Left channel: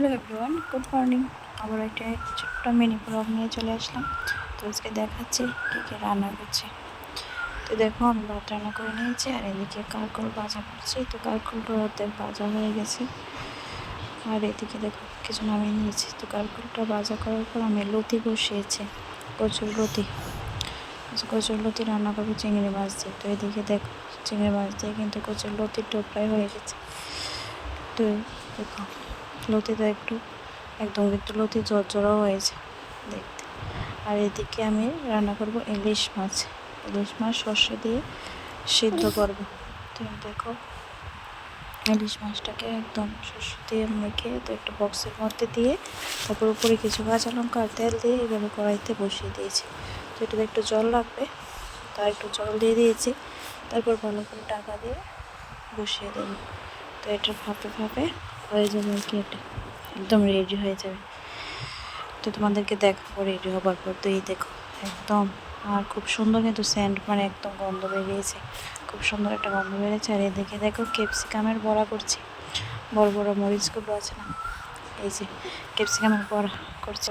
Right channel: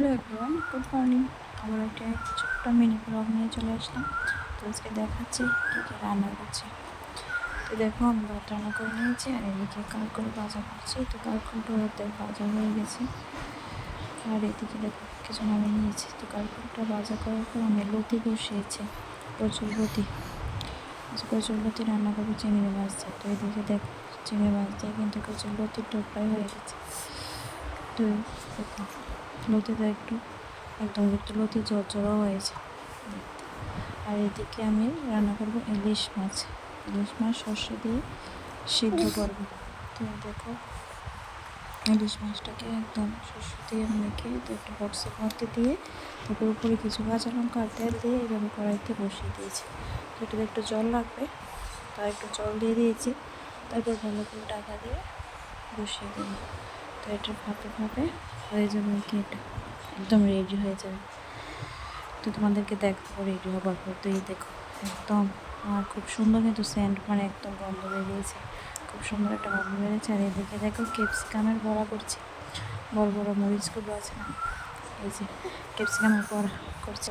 Hello everyone, good morning. আবার একটা ছোট্ট মিনি ব্লগ নিয়ে চলে আসলাম। তো আজকে দেখাচ্ছি কী কী রান্না করছি। তো দেখো, আমি ভাত রান্না করে নিয়েছি আর এদিকে কারকল ভাজা করছি। তো কারকলটা অর্ধেক ভাজা হয়ে গেছে আর এদিকে দেখো কিছু নামিয়ে নিয়েছি। তো কারকলটা ভাজা করার পর আমি লতি বসিয়েছি, কচুর লতি। কচুর লতি রান্না করবো চিংড়ি মাছ দিয়ে। তো এদিকে দেখো চিংড়ি মাছ দিয়ে কিন্তু কচুর লতির টোপটাই হয়ে গেছে। তো দেখো লতিটা একদম একটু লতি ঝরঝরও হয়েছে দেখতে। আর এদিকে আমি রান্না করব ইলিশ মাছ সর্ষে দিয়ে সিদ্ধ করব। তো দেখো ইলিশ মাছটাকে একদম সর্ষে দিয়ে মেখে তো একটা বক্সের মধ্যে দিয়ে তারপর উপরে কিছু কাঁচা লঙ্কা আর তেল দিয়ে এভাবে কড়াইতে বসিয়ে দিয়েছি। তো এটাতে একটু জল লাগবে, তার একটু জল দিয়ে দিয়েছি। তারপর ভালো করে ঢাকা দিয়ে বসিয়ে দেবো। তো এটা ভাপে ভাপে হয়ে যাবে আর কি, এটা একদম রেডি হয়ে যাবে। তো তোমাদেরকে দেখাবো রেডি হবার পর। তো এই দেখো একদম আর খুব সুন্দর কিন্তু সেন্ট, মানে একদম গন্ধ বেরিয়েছে, খুব সুন্দর একটা গন্ধ বেরিয়েছে। আর এদিকে দেখো ক্যাপসিকামের বড়া করছি, বড় বড় মরিচগুলো আছে না, এই যে ক্যাপসিকামের বড়া করছি।